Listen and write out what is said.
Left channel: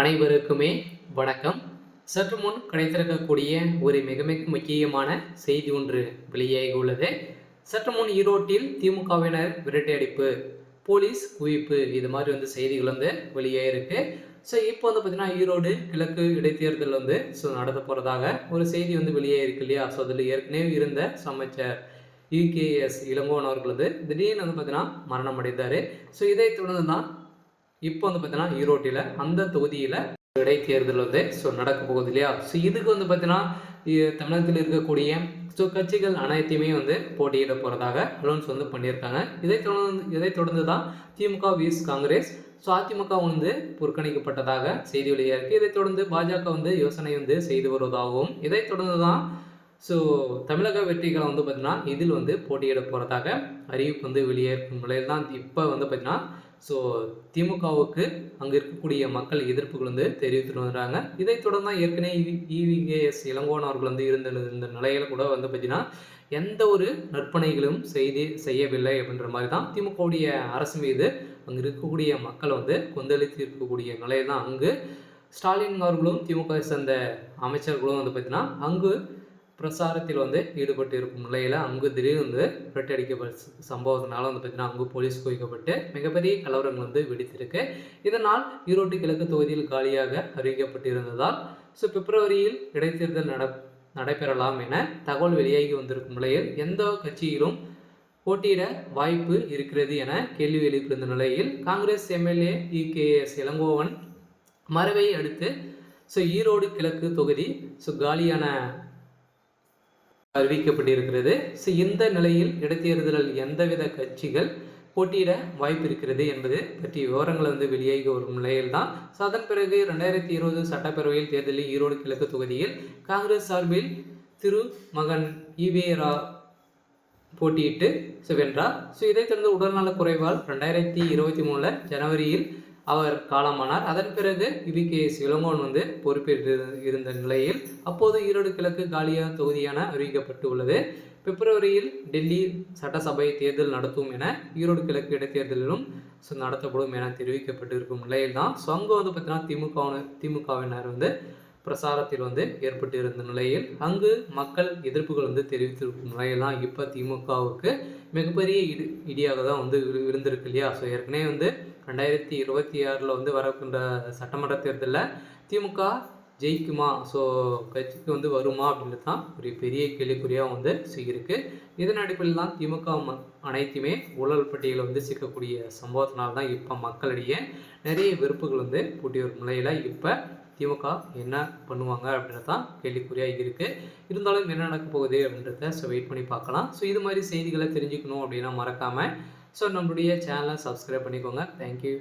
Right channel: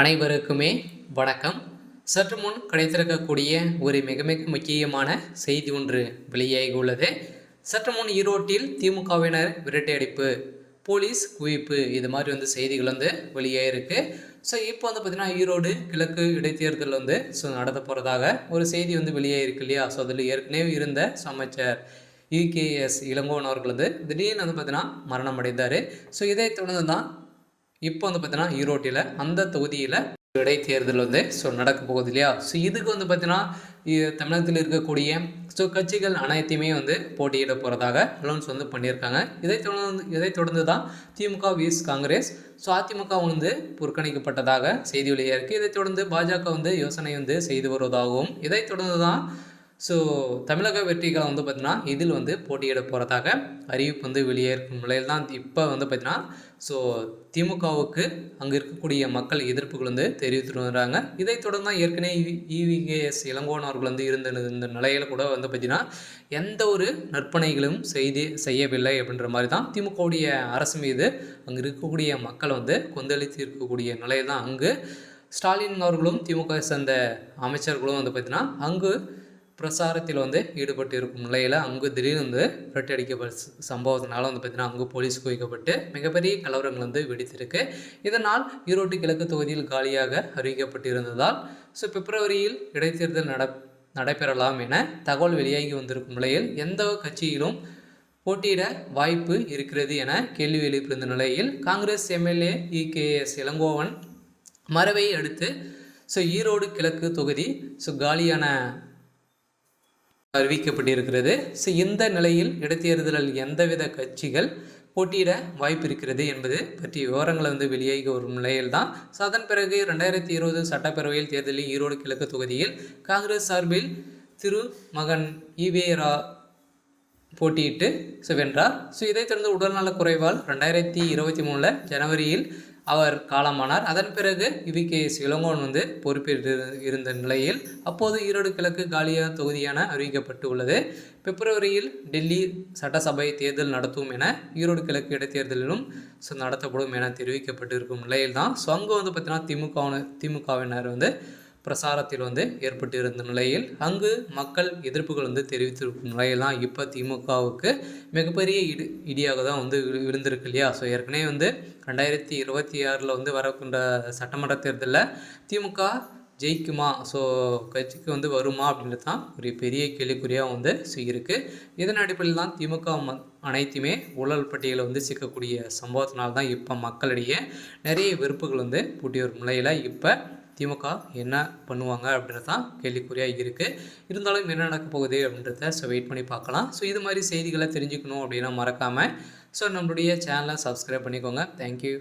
அனைவருக்குமே வணக்கம். சற்று முன் கிடைத்திருக்கக்கூடிய ஒரு மிக மிக முக்கியமான செய்தி ஒன்று வெளியாகி உள்ளது. சற்று முன் ஈரோட்டில் திமுகவினர் விரட்டியடிப்பு, போலீஸ் குவிப்பு, இது மாதிரி செய்திகள் வெளியாகிருக்கு. ஸோ இப்போ பார்த்தீங்கன்னா ஈரோடு கிழக்கு இடைத்தேர்தல் நடத்த போகிறதாக ஒரு செய்தி வெளியாகிருக்கு இல்லையா? ஸோ அதில் ஏற்கனவே இருந்த அமைச்சர் யூகேஎஸ் இளங்கோவன் அவர்கள் திடீர்னு பார்த்தீங்கன்னா மரணம் அடைந்தார். ஸோ இதை தொடர்ந்து தான் இப்போ பார்த்தீங்கன்னா ஈரோட்டில் அந்த தொகுதியில் இடைத்தேர்தல் நடக்க போகுது இல்லையா? ஸோ இதுக்கு பார்த்தீங்கன்னா தமிழகத்தில் இருக்கக்கூடிய கட்சிகள் அனைத்தையுமே போட்டியிட போகிறதாக அலௌன்ஸ் பண்ணியிருக்காங்க. இதை தொடர்ந்து தான் திமுக விஸ் காங்கிரஸ், ஸோ அதிமுக புறக்கணிக்கப்பட்டதாக செய்தி வெளியாக இருக்குது. இதை தொடர்ந்து பாஜக யோசனை செய்து வருவதாகவும், இதை தொடர்ந்து தான் ஸோ தமிழக வெற்றிகளை பார்த்தீங்கன்னா இதில் போட்டியிட போகிறதாக அறிவிப்பு வெளியே இருக்கும் நிலையில் தான் இப்போ பார்த்தீங்கன்னா ஸோ திமுகவுக்கு அங்கே இருக்கக்கூடிய மக்கள் எதிர்ப்புகள் தெரிவித்துட்டு வராங்க. இதை தொடர்ந்து தான் ஏற்கனவே இவிகேஎஸ் இளங்கோவன் அவர்கள் இருந்த இந்த நிலையில் கூட பார்த்தீங்கன்னா எந்த ஒரு நற்பணைகளும் செய்யவில்லை அப்படின்ற மாதிரி தான் திமுகவுடைய அரசு மீது அங்கே இருக்கக்கூடிய மக்கள் கொந்தளித்து இருக்கக்கூடிய நிலையில் தான் அங்கு ஸ்டாலின் அவர்களும் திமுக சேர்ந்த அமைச்சர்களும் பார்த்தீங்கன்னா அங்கு பிரசாரத்தில் ஈடுபட்டு இருக்கும் நிலையில் அங்கு திடீர்னு விரட்டடிக்கப்பட்ட சம்பவத்தினால பார்த்தீங்கன்னா அங்கு போலீஸ் குவிக்கப்பட்டு மிகப்பெரிய கலவரங்கள் வெடித்திருக்கு. இதனால் ஈரோட்டு கிழக்கு தொகுதியில் காலியாக அறிவிக்கப்பட்டிருந்ததால் ஸோ பிப்ரவரியில் இடைத்தேர்தல் நடைபெறலாம் என தகவல் வெளியாகி வந்திருக்கும் நிலையில் எந்த கட்சியிலும் போட்டியிட வாய்ப்பு இருக்கிறது என கேள்வி எழுப்பியிருந்த நிலையில் காங்கிரஸ் எம்எல்ஏ இகேஎஸ் இளங்கோவன் மறைவை அடுத்து ஸோ ஈரோடு கிழக்கு தொகுதி காலியான அறிவிக்கப்பட்டிருக்கிறது. ஸோ இந்த நிலையில் இடைத்தேர்தலில் எந்தவித கட்சிகள் போட்டியிட வாய்ப்பு இருக்கிறது என்பது பற்றிய விவரங்கள் வெளியாகி வரும் நிலையில் தான். ஸோ அதன் பிறகு 2020 சட்டப்பேரவையில் தேர்தலில் ஈரோடு கிழக்கு தொகுதியில் காங்கிரஸ் சார்பில் மகன் ஈவேரா போட்டியிட்டு வென்றார். ஸோ இதைத் தொடர்ந்து உடல்நலக் குறைவால் 2023 ஜனவரியில் அவர் காலமானார். அதன் பிறகு இவிகேஎஸ் இளங்கோவன் பொறுப்பேற்று இருந்த நிலையில் அப்போது ஈரோடு கிழக்கு காலியா தொகுதியான அறிவிக்கப்பட்டு உள்ளது. பிப்ரவரியில் டெல்லி சட்டசபை தேர்தல் நடத்தும் என ஈரோடு கிழக்கு இடைத்தேர்தலிலும் நடத்தப்படும் என தெரிவிக்கப்பட்டிருக்கும் நிலையில் தான் ஸோ அங்கே பார்த்தீங்கன்னா திமுகவினர் பிரசாரத்தில் ஏற்பட்டு இருந்த நிலையில் அங்கு மக்கள் எதிர்ப்புகள் தெரிவித்திருக்கும் நிலையில் தான் இப்போ திமுகவுக்கு மிகப்பெரிய இடியாக தான் விழுந்திருக்கு இல்லையா? ஸோ ஏற்கனவே 2026 வரக்கூடிய சட்டமன்ற தேர்தலில் திமுக ஜெயிக்குமா, ஸோ கட்சிக்கு வருமா அப்படின்றது தான் ஒரு பெரிய கேள்விக்குறியாக இருக்குது. இதன் அடிப்படையில் தான் திமுக அனைத்துமே ஊழல் பட்டியலில் சிக்கக்கூடிய சம்பவத்தினால்தான் தான் இப்போ மக்களிடையே நிறைய வெறுப்புகள் பூட்டி வரும் நிலையில் இப்போ திமுக என்ன பண்ணுவாங்க அப்படின்றது தான் கேள்விக்குறியாக இருக்குது. இருந்தாலும் என்ன நடக்க போகுது அப்படின்றத வெயிட் பண்ணி பார்க்கலாம். ஸோ இது மாதிரி செய்திகளை தெரிஞ்சுக்கணும் அப்படின்னா மறக்காமல் நம்மளுடைய சேனலை சப்ஸ்கிரைப் பண்ணிக்கோங்க. தேங்க்யூ.